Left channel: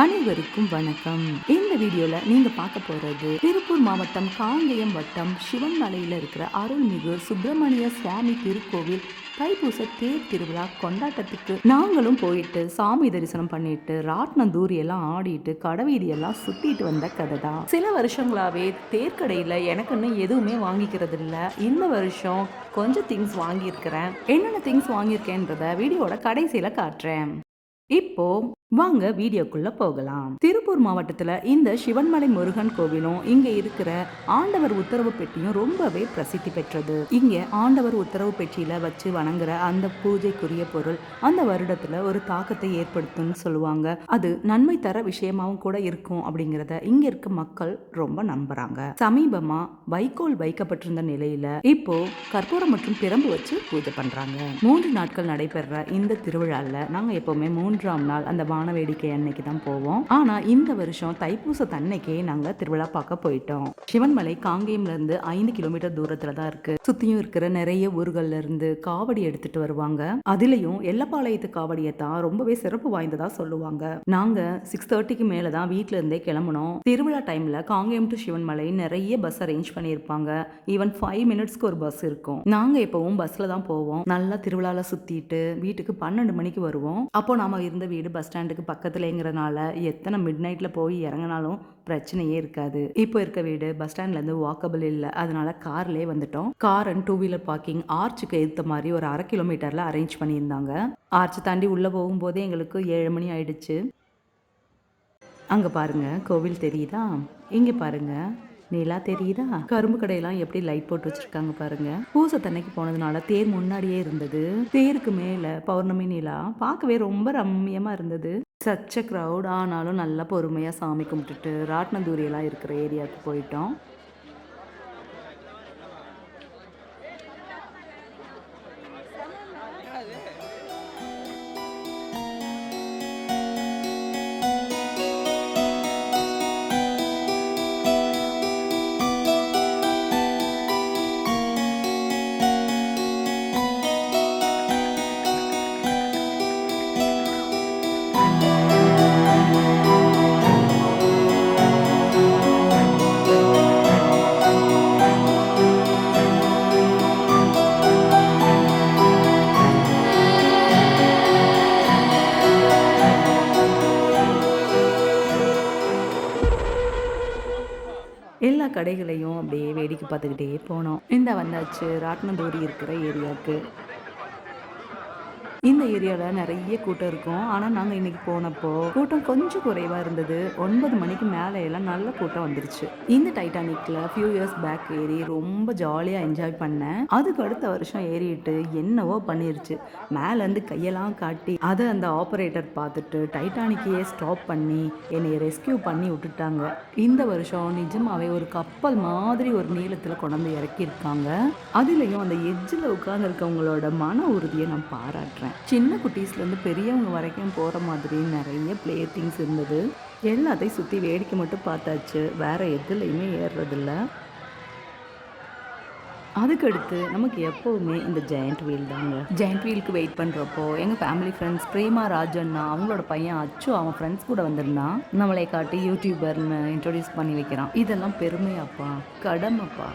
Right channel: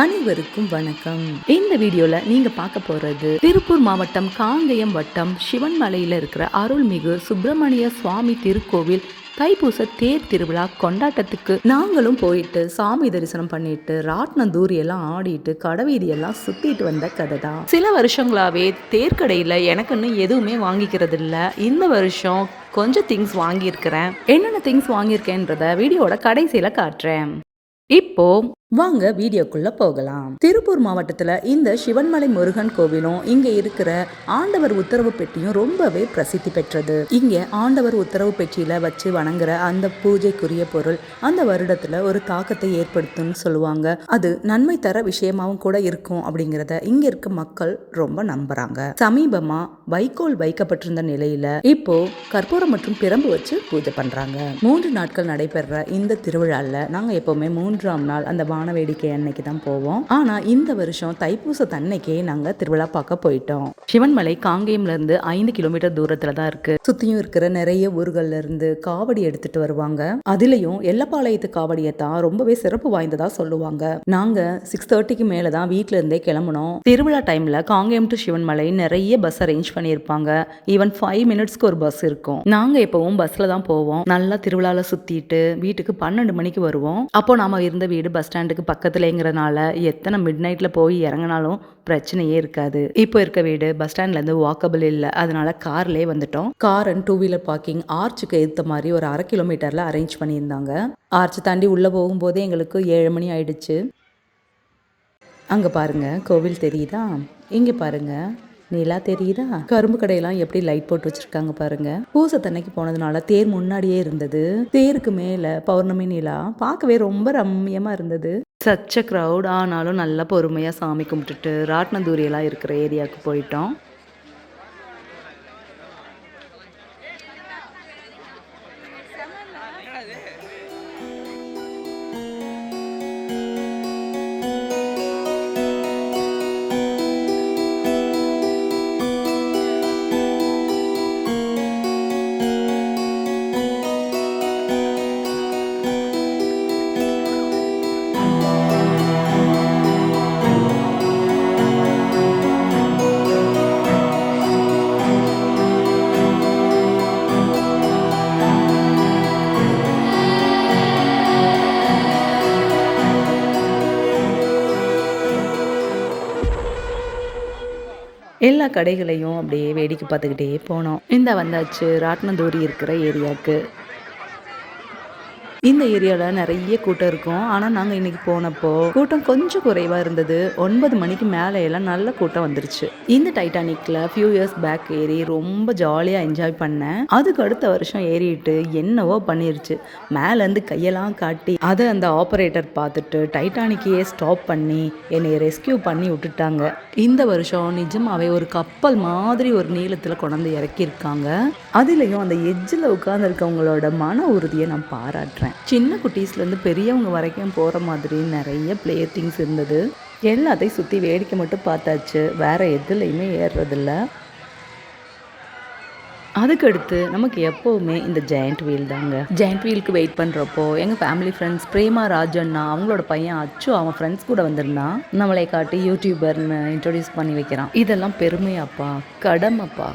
அனைவருக்கும் வணக்கம். இந்த வீடியோல நீங்க பார்க்க போறது திருப்பூர் மாவட்டம் காங்கேயம் வட்டம் சிவன்மலையில இருக்கிற அருள்மிகு சுப்பிரமணிய சுவாமி திருக்கோவில் தைப்பூச தேர் திருவிழா கொண்டாட்டத்துக்கு நாங்களும் போயிட்டு சாமி தரிசனம் பண்ணிட்டு ராட்னம் தூரி எல்லாம் ஆடிட்டு கடைவீதியெல்லாம் சுத்திட்டு வந்த கதை தான். சில வருஷங்களாவே தேர்க்கடையில எனக்குன்னு எதுவுமே வாங்கிக்கிறது இல்ல. இந்த வருஷம் கொஞ்சம் திங்ஸ் வாங்கியிருக்கிறேன். என்னென்ன திங்ஸ் வாங்கியிருக்கேன்றத வீடியோட கடைசியில காட்டுறேன். இப்போ வாங்க வீடியோக்குள்ள போகலாம். திருப்பூர் மாவட்டத்துல இந்த சிவன்மலை முருகன் கோவிலும் இங்க இருக்கிற ஆண்டவர் உத்தரவு பெட்டியும் ரொம்பவே பிரசித்தி பெற்றது. இங்க ஆண்டவர் உத்தரவு பெட்டியில வச்சு வணங்குற அந்த பூஜைக்குரிய பொருள் அந்த வருடத்துல ஒரு தாக்கத்தை ஏற்படுத்தும்னு சொல்லுவாங்க. அது நன்மை தர விஷயமாவும் கூட இருக்கும் அப்படிங்கறத இங்க இருக்க மக்கள் ரொம்ப நம்புறாங்க. சமீபமா வைக்கோல் வைக்கப்பட்டிருந்த நிலையில இப்போ கற்பூரம் மற்றும் பிரம்பு வச்சு பூஜை பண்றாங்க. 3 நாட்கள் நடைபெற இந்த திருவிழால நாங்க எப்பவுமே 3ஆம் நாள் அந்த வேடிக்கை அன்னைக்கு தான் போவோம். ஆனா இந்த வருஷம் தைப்பூச தன்னைக்கே நாங்க திருவிழா பார்க்க போயிட்டோம். சிவன்மலை காங்கேயம்ல இருந்து 5 கிலோமீட்டர் தூரத்துல தான் இருக்கு. சுத்தியும் இருக்கிற நிறைய ஊர்கள்ல இருந்து காவடி எடுத்துட்டு வருவாங்க. அதுலயும் எல்லப்பாளையத்து காவடியை தான் ரொம்பவே சிறப்பு வாய்ந்ததா சொல்லுவாங்க. நாங்க 6:30க்கு மேலதான் வீட்டுல இருந்தே கிளம்பணும். திருவிழா டைம்ல காங்கேயம் டு சிவன்மலை நிறைய பஸ் அரேஞ்ச் பண்ணிருப்பாங்க. ஈவன் 5 மினிட்ஸ்க்கு ஒரு பஸ் இருக்கும். நாங்க எப்பவும் பஸ்ல தான் போவோம். நல்லா திருவிழால சுத்திட்டு வீட்டுக்கு 12 மணிக்கு வருவோம். அப்போ நாம இருந்த வீடு பஸ் ஸ்டாண்டுக்கு பக்கத்துலங்கிறனால எத்தனை மிட் நைட்ல போய் இறங்கினாலும் பிரச்சனையே இருக்காது. இப்போ இருக்க வீடு பஸ் ஸ்டாண்ட்ல இருந்து வாக்கபிள் இல்ல. அதனால கார்லயே வந்துட்டோம். கார் அண்ட் 2 வீலர் பார்க்கிங் ஆர்ச்சுக்கு ஏற்ற மாதிரி ஒரு 1/2 கிலோமீட்டர்ல அரேஞ்ச் பண்ணியிருந்தாங்க. ஆர்ச் தாண்டி உள்ள போகும்போதே எங்களுக்கு 7 மணி ஆயிடுச்சு. அங்க பாருங்க கோவில் தெரியுதா? இங்க பாருங்க நிலா தெரியுதா? கரும்பு கடையெல்லாம் எப்படி லைட் போட்டு வச்சிருக்காங்க பாருங்க. பூசத்தன்னைக்கு போனதுனால தேர் முன்னாடியே இருந்தது. தேருக்கு மேல பௌர்ணமி நிலா பார்க்கவே ரொம்ப ரம்மியமா இருந்தது. சச்ச கிரவுட். ஆனாலும் நல்லா பொறுமையா சாமி கும்பிட்டுட்டு ராட்னதூரி எல்லாம் இருக்கிற ஏரியாவுக்கு போயிட்டோம். எல்லா கடைகளையும் அப்படியே வேடிக்கை பார்த்துக்கிட்டே போனோம். இந்த வந்தாச்சு ராட்னதூரி இருக்கிற ஏரியாவுக்கு. இந்த ஏரியாவில் நிறைய கூட்டம் இருக்கும். ஆனால் நாங்கள் இன்னைக்கு போனப்போ கூட்டம் கொஞ்சம் குறைவாக இருந்தது. 9 மணிக்கு மேலே எல்லாம் நல்ல கூட்டம் வந்துருச்சு. இந்த டைட்டானிக்கில் ஃபியூ இயர்ஸ் பேக் ஏறி ரொம்ப ஜாலியாக என்ஜாய் பண்ணேன். அதுக்கு அடுத்த வருஷம் ஏறிட்டு என்னவோ பண்ணிருச்சு. மேலேருந்து கையெல்லாம் காட்டி அதை அந்த ஆப்ரேட்டர் பார்த்துட்டு டைட்டானிக்கையே ஸ்டாப் பண்ணி என்னை ரெஸ்கியூ பண்ணி விட்டுட்டாங்க. இந்த வருஷம் நிஜமாவே ஒரு கப்பல் மாதிரி ஒரு நீளத்தில் கொண்டாந்து இறக்கியிருக்காங்க. அதுலேயும் அந்த எட்ஜில் உட்காந்துருக்கவங்களோட மன உறுதியை நான் பாராட்டுறேன். சின்ன குட்டீஸ்லேருந்து பெரியவங்க வரைக்கும் போகிற மாதிரி நிறைய பிளே திங்ஸ் இருந்தது. எல்லாத்தையும் சுற்றி வேடிக்கை மட்டும் பார்த்தாச்சு. வேற எதுலையுமே ஏறுறதில்ல. அதுக்கடுத்து நமக்கு எப்போவுமே இந்த ஜெயண்ட் வீல் தாங்க. ஜெயண்ட் வீலுக்கு வெயிட் பண்ணுறப்போ எங்கள் ஃபேமிலி ஃப்ரெண்ட்ஸ் பிரேமா ராஜண்ணா அவங்களோட பையன் அச்சு அவன் ஃப்ரெண்ட்ஸ் கூட வந்திருந்தான். நம்மளை காட்டி யூடியூபர்னு இன்ட்ரோடியூஸ் பண்ணி வைக்கிறான். இதெல்லாம் பெருமையாப்பா, கடமைப்பா.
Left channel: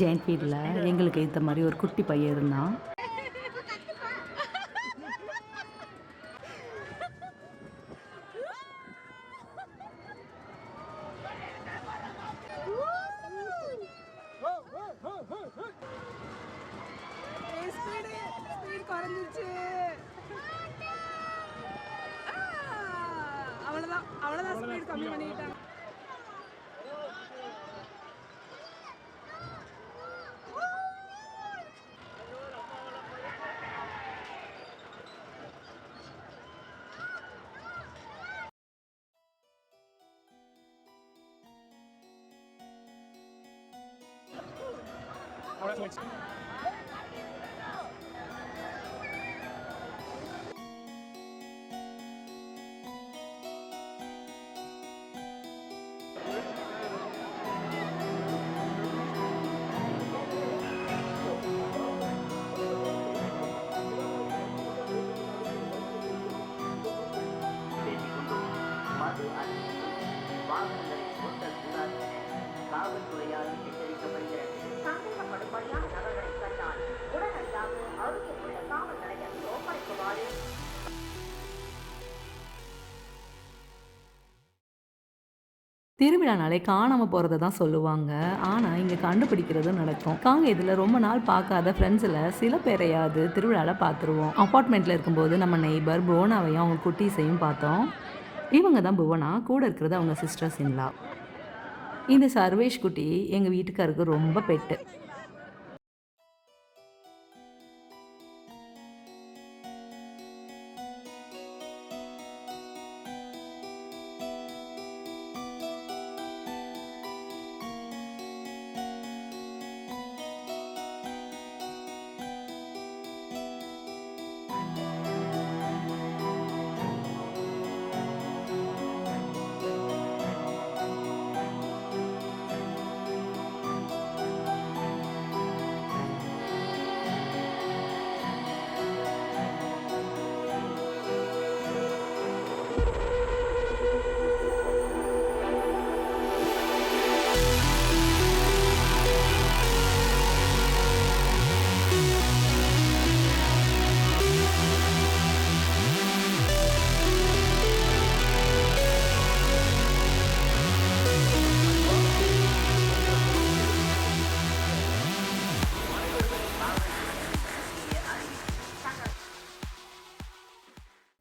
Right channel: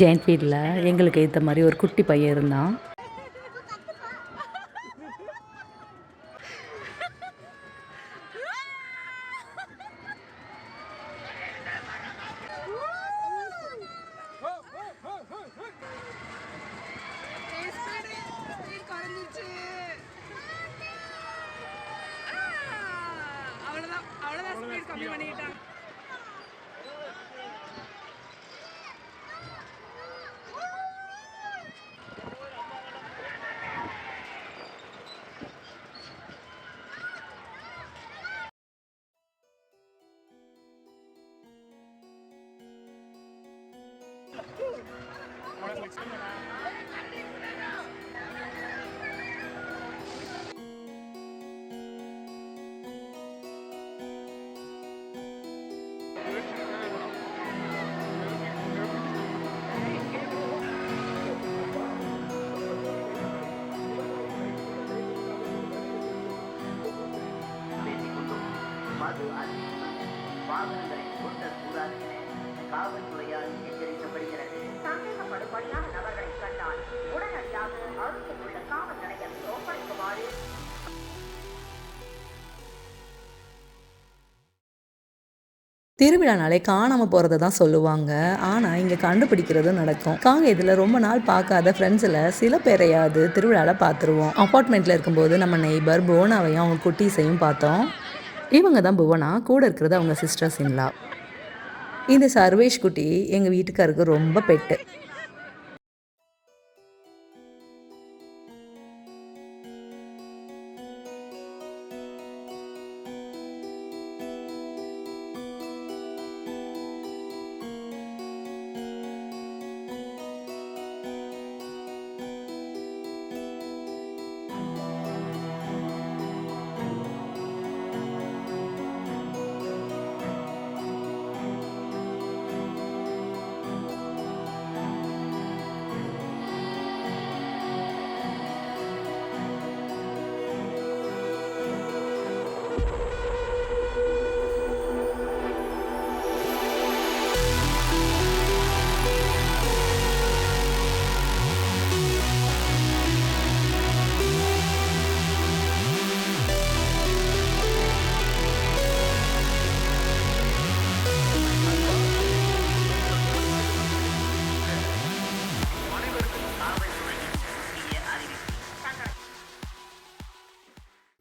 ஜெயண்ட் வீலில் எங்களுக்கு ஏற்ற மாதிரி ஒரு குட்டி பையன் இருந்தான். அவ்வளோதான் ஸ்பீட் கம்மி பண்ணிக்கிட்டாங்க. திருவிழானாலே காணாமல் போகிறத தான் சொல்லுவாங்க. ஆனால் இங்கே கண்டுபிடிக்கிறதும் நடக்கும். இதில் ரொம்ப நாள் பார்க்காத ஃப்ரெண்ட்ஸில் சில பேரையாவது திருவிழாவில் பார்த்துருவோம். அப்பார்ட்மெண்ட்டில் இருக்கும்போது நம்ம நெய்பர் புவனாவையும் அவங்க குட்டீஸையும் பார்த்தோம். இவங்க தான் புவனா, கூட இருக்கிறது அவங்க சிஸ்டர்ஸ் இன்லா. இந்த சர்வேஷ் குட்டி எங்கள் வீட்டுக்காருக்கு ரொம்ப பெட்டு.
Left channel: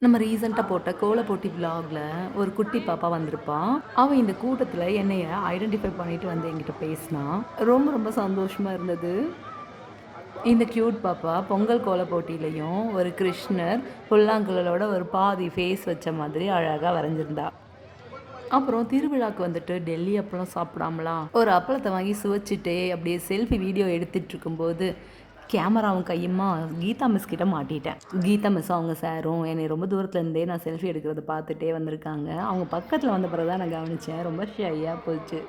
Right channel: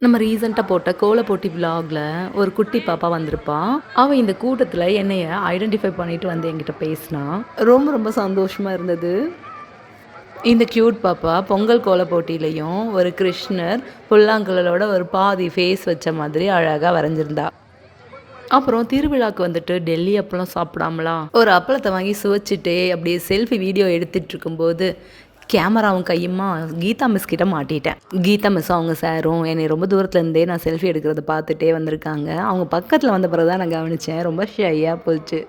நம்ம ரீசெண்டாக போட்ட கோல போட்டி விலாகில் ஒரு குட்டி பாப்பா வந்திருப்பான். அவள் இந்த கூட்டத்தில் என்னைய ஐடென்டிஃபை பண்ணிட்டு வந்து என்கிட்ட பேசினா. ரொம்ப ரொம்ப சந்தோஷமாக இருந்தது. இந்த க்யூட் பாப்பா பொங்கல் கோல போட்டியிலையும் ஒரு கிருஷ்ணர் புல்லாங்குழலோட ஒரு பாதி ஃபேஸ் வச்ச மாதிரி அழகாக வரைஞ்சிருந்தா. அப்புறம் திருவிழாவுக்கு வந்துட்டு டெல்லி அப்பளம் சாப்பிடாமலாம் ஒரு அப்பளத்தை வாங்கி சுவைச்சிட்டே அப்படியே செல்ஃபி வீடியோ எடுத்துகிட்டு இருக்கும்போது கேமராவும் கையுமா கீதா மிஸ் கிட்ட மாட்டிட்டேன். கீதா மிஸ் அவங்க சாரும் என்னை ரொம்ப தூரத்துலேருந்தே நான் செல்ஃபி எடுக்கிறத பார்த்துட்டே வந்திருக்காங்க. அவங்க பக்கத்தில் வந்த பிறகு தான் நான் கவனித்தேன். ரொம்ப ஷையாக போச்சு.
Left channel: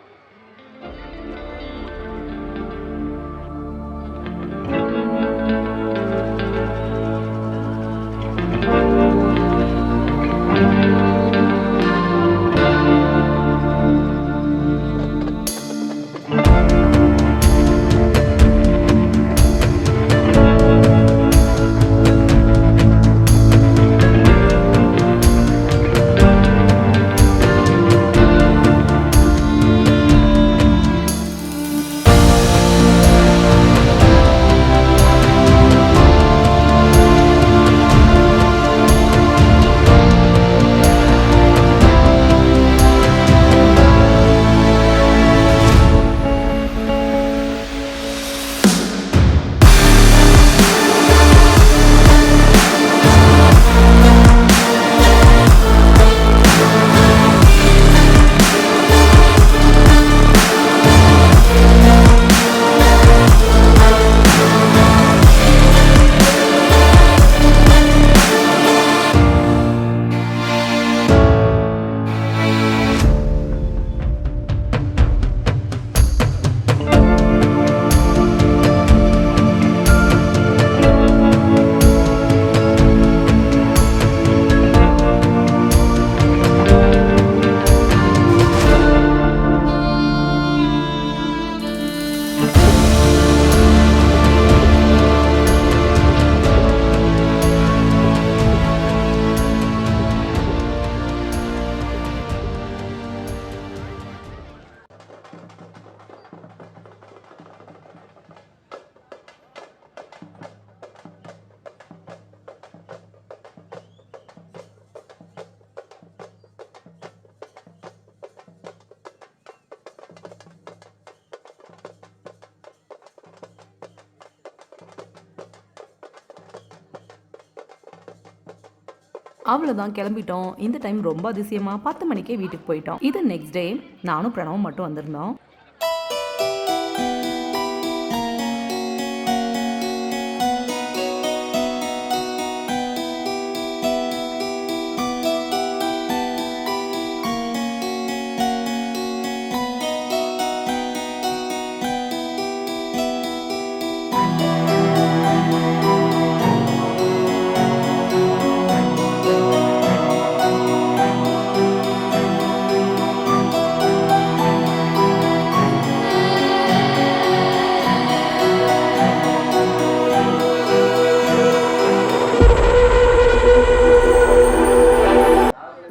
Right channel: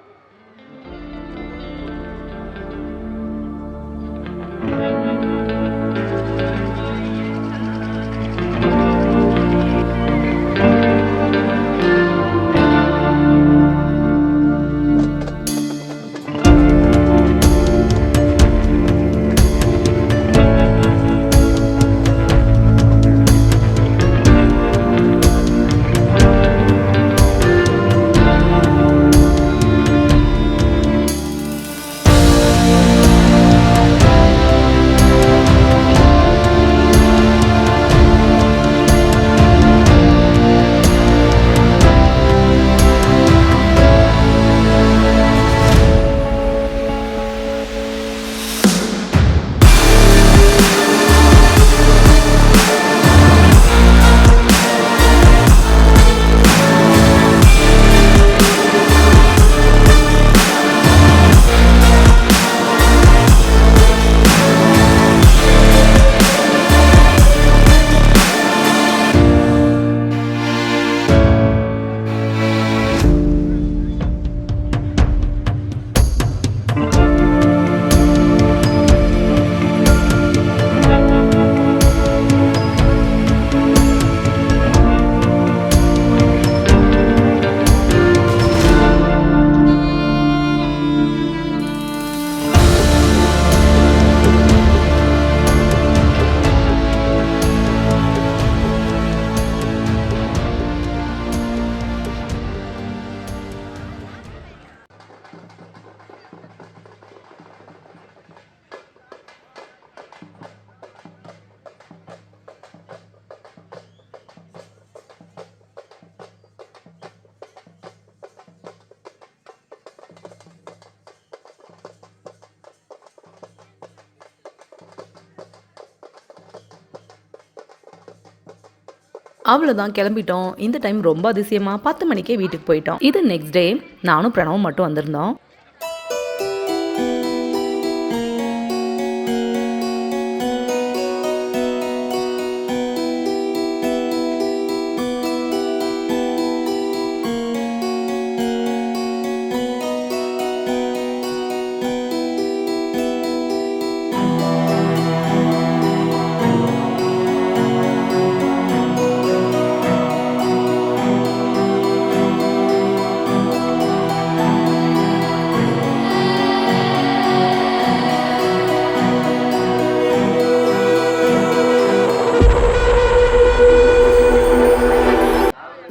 அவ்வளோதான், கிளம்பிட்டோம். இந்த டைம் ரொம்ப அதிசயமாக 10 மணிக்கே வீட்டுக்கு போயிட்டோம். இது நெக்ஸ்ட் டே நானும் பிரணவும் மட்டும் வந்திருந்தோம்.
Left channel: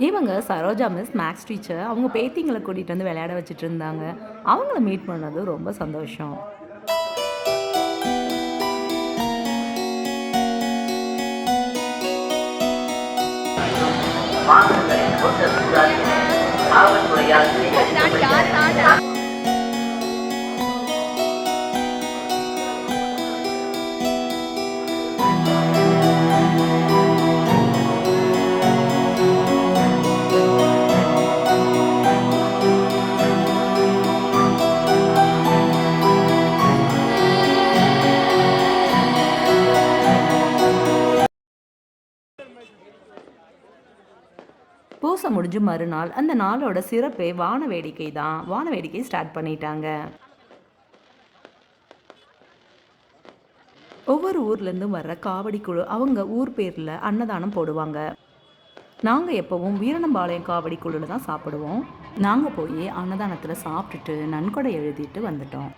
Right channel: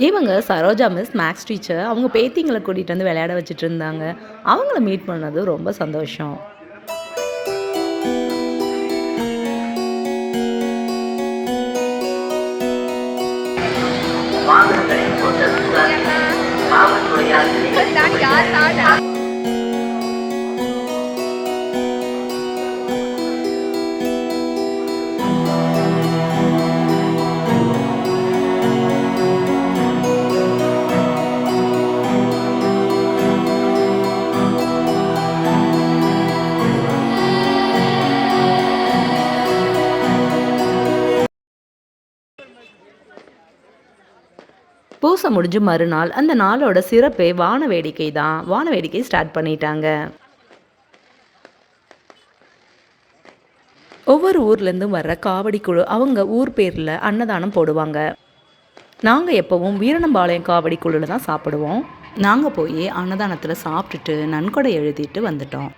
இவங்க சரோஜா மிஸ் மேக்ஸ் டீச்சர். அவங்க பேத்திங்களை கூட்டிகிட்டு வந்து விளையாட வச்சுட்டு இருந்தாங்க. அவங்கள மீட் பண்ணது ரொம்ப சந்தோஷம். பூசை முடிஞ்சு மறுநாள் அந்த நாளோட சிறப்பே வான வேடிக்கை தான். வான வேடிக்கை ஸ்டார்ட் பண்ணிட்டாங்க. ஒவ்வொரு ஊர்லேருந்தும் வர்ற காவடி குழு அவங்க ஊர் பேரில் அன்னதானம் போடுவாங்க. நாங்கள் எப்போவும் வீரணம்பாளையம் காவடி குழுவில் தான் சாப்பிடுவோம். நாங்கள் போய் அன்னதானத்தில் சாப்பிட்டுட்டு நன்கொடை எழுதிட்டு வந்துட்டோம்.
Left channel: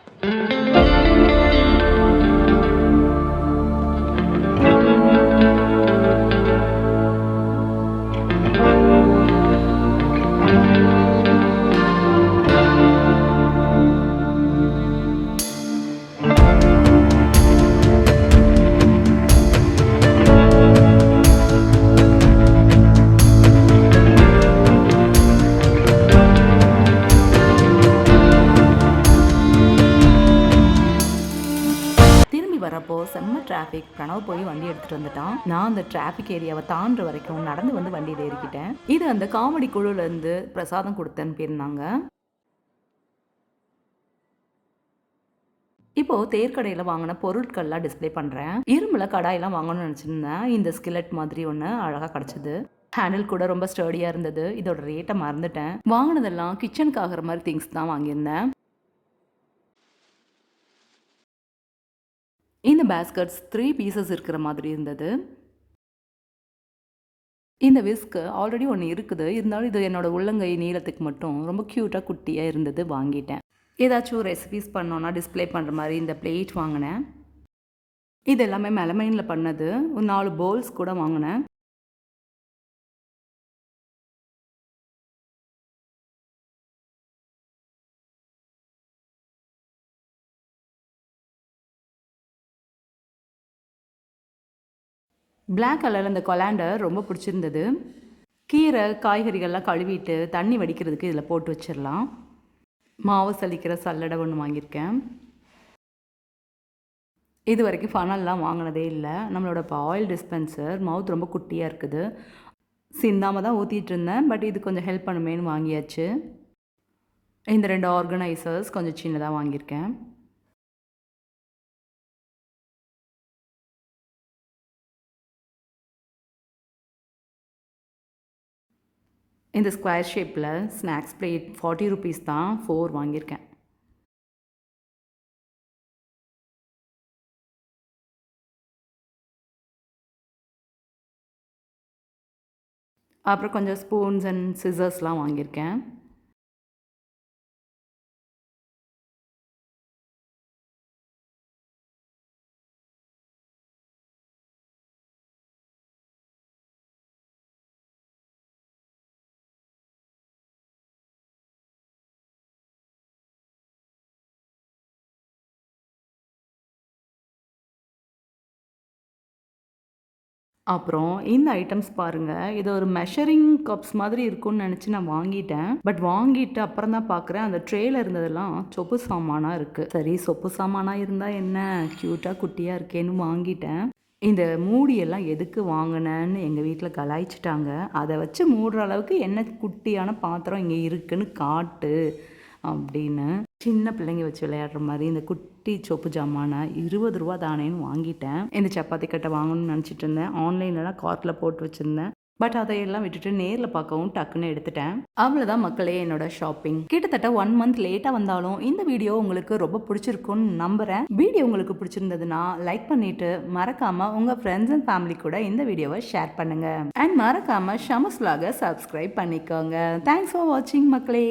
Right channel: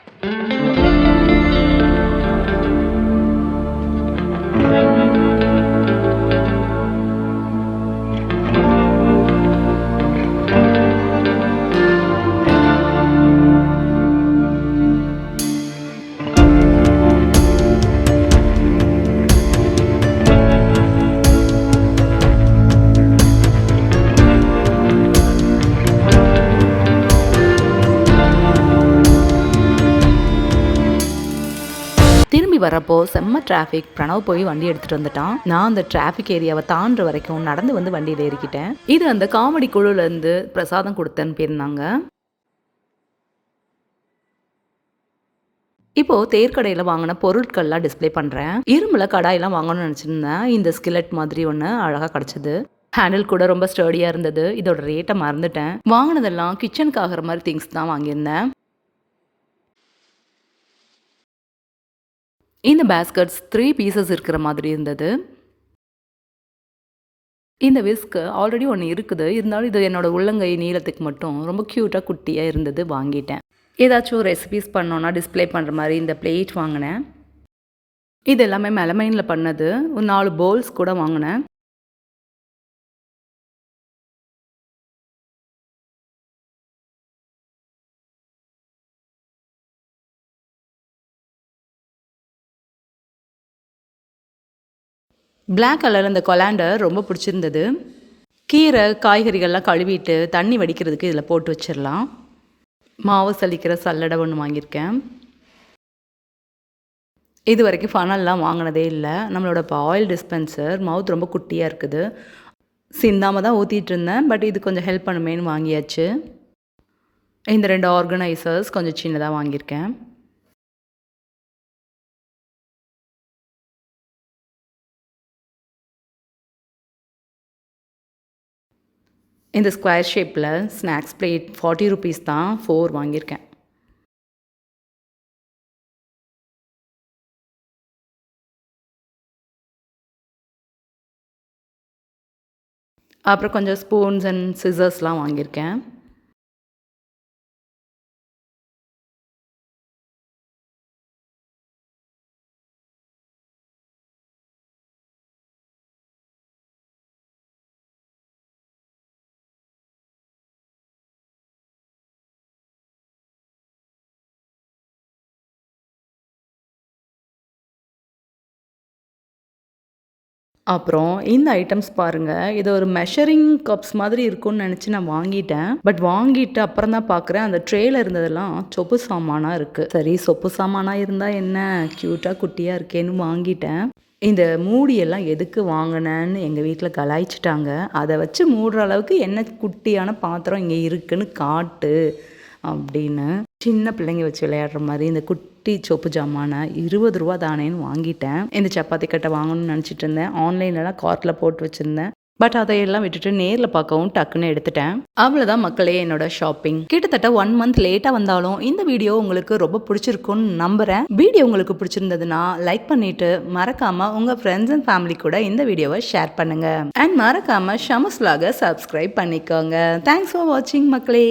திரும்பி வரப்போ செம்ம டிராஃபிக். பிரணவ் போய் வண்டி எடுத்துகிட்டு வந்துட்டான். நான் அந்த டிராஃபிக் ஏரியாவை தாண்டுற வரைக்கும் நடந்து வந்து வண்டியில் ஏறிக்கிட்டேன். இது அந்த காமெடி குழுலேருந்து பிரசாதம் கொடுத்தேன்னு போயிருந்தாங்க. இப்போது தேர்க்கடையில் வாங்கின பொருட்கள்லாம் டிஸ்பிளே பண்ணுறேன். இரும்பில் கடாயெல்லாம் வாங்கணும்னு நினச்சிருந்தேன். இந்த ஸ்கிலட் மாதிரி ஒன்று அழகாக கிடச்சிது. ஹேண்டில் கூட ரொம்ப ஸ்டர்டியாக இருந்தது. இதோட ரேட்டை மறந்துட்டேன். வாங்கினதெல்லாம் கிச்சனுக்கு ஆகிற மாதிரி திங்ஸ் தான் வாங்கியிருந்தேன். இந்த பேஸ்கட்ஸ் 3 பீசஸ் இருக்கிற மாதிரி இருந்தது. இந்த விஸ்க்கு ஆல்ரெடி ஒன்று இருக்குது. இருந்தாலும் இது என்னோடய உள்ளங்கை நீளத்துக்கு மட்டும் ரொம்ப க்யூட்டாக குட்டியாக இருந்தது, வாங்கிட்டேன். ஏதாச்சும் ரெசிபீஸ் பண்ணோன்னா டிஸ்பிளே பண்ணுற மாதிரி இந்த பிளேட் வாங்கினேன். இது எல்லாமே மெலமைனில் பண்ணது. ஒரு 4 பவுல்ஸ் கூட வாங்கினேன். பிளாக் கலரில் இந்த கொலாண்டர் ரொம்ப பிடிச்சிருந்தது. கீரை காய்கறிகள்லாம் கழுவிட்டு தண்ணி வடிக்கிறதுக்கு இதில் போட்டு வச்சிடலாம். மாவு சலிக்கிற சல்லடை ஒன்று வாங்கியிருக்கேன். இது வரைக்கும் ஃபனல்லாம் வாங்கினதே இல்லை. நம்மளோட ஆயில் டிஸ்பென்சர் மவுத் ரொம்ப குட்டியாக இருக்குது. சிந்தாமல் தான் ஊற்றிட்டு இருந்தேன். பட் இது கொஞ்சம் ஹெல்ப் பண்ணுமேன்னு வாங்கியாச்சு. இந்த 2 ஆர்கனைசர்ஸ் கொஞ்சம் சின்னதாக வாங்கியிருக்கேன். இந்த ஸ்கொயர் ஷேப்பில் ஸ்நாக்ஸ் பிளேட் 40 ருபீஸ் தான். 4 வாங்கியிருக்கேன். அப்புறம் கொஞ்சம் ஸ்பூன்ஸ் அண்ட் சிசர்ஸ்லாம் வாங்கியிருக்கேன். அப்புறம் இந்த ஐட்டம்ஸ் பாருங்கள். இது ஒரு மெஷரிங் கப்ஸ் மாதிரி இருக்கும்னு நினச்சி நான் வாங்கிட்டேன். பட் வாங்கிட்டு அப்புறம் தான் பார்க்குறேன் அந்த ட்ரேயில் இருந்ததெல்லாம் சொப்பு சாமானாக இருக்குது. சரி, சொப்பு சாமானாக இருந்தால் என்ன, க்யூட்டாக குட்டியாக இருக்கேன்னு வாங்கிட்டேன். இந்த மூடியெல்லாம் எதுக்கு வாங்கினேன்னு எங்கள் வீட்டில் கலாய்ச்சிட்டாங்க. அதை வச்சு மூடுற அளவுக்கு என்ன குட்டியான பாத்திரம் இங்கே இருக்குன்னு காட்டு அப்படின்னு. சின்ன பிள்ளைங்க வச்சு விளையாடுற மாதிரி இந்த குட்டி சொப்பு ஜாமான 20 ரூபா தானேன்னு வாங்கிட்டேன். இந்த சப்பாத்தி கட்டை வாங்கணும்னு நினச்சிட்டு இருந்தேன். ஆன்லைன்லலாம் கார்ட்டில் போட்டு வச்சுருந்தேன். பட் அதையெல்லாம் விட்டுட்டு நேரில் பார்க்கவும் டக்குன்னு எடுத்துட்டேன். அவ்வளோதான் மக்களே என்னோட ஷாப்பிங். கிட்டத்தட்ட 1 மந்த் லேட்டாக வந்தாலும் இந்த வீடியோ உங்களுக்கு ரொம்ப பிடிச்சிருக்குன்னு நம்புகிறேன். வீடியோ உங்களுக்கு பிடிச்சிருந்ததுன்னா லைக் பண்ணிவிட்டு மறக்காமல் உங்கள் ஃப்ரெண்ட்ஸ் அண்ட் ஃபேமிலி கூட இந்த வீடியோவை ஷேர் பண்ணுங்கள். அண்ட் மறக்காமல் ஷமஸ் vlog சப்ஸ்கிரைப் பண்ணிக்கோங்க. தேங்க்ஸ் ஃபார் வாட்சிங் மக்களே.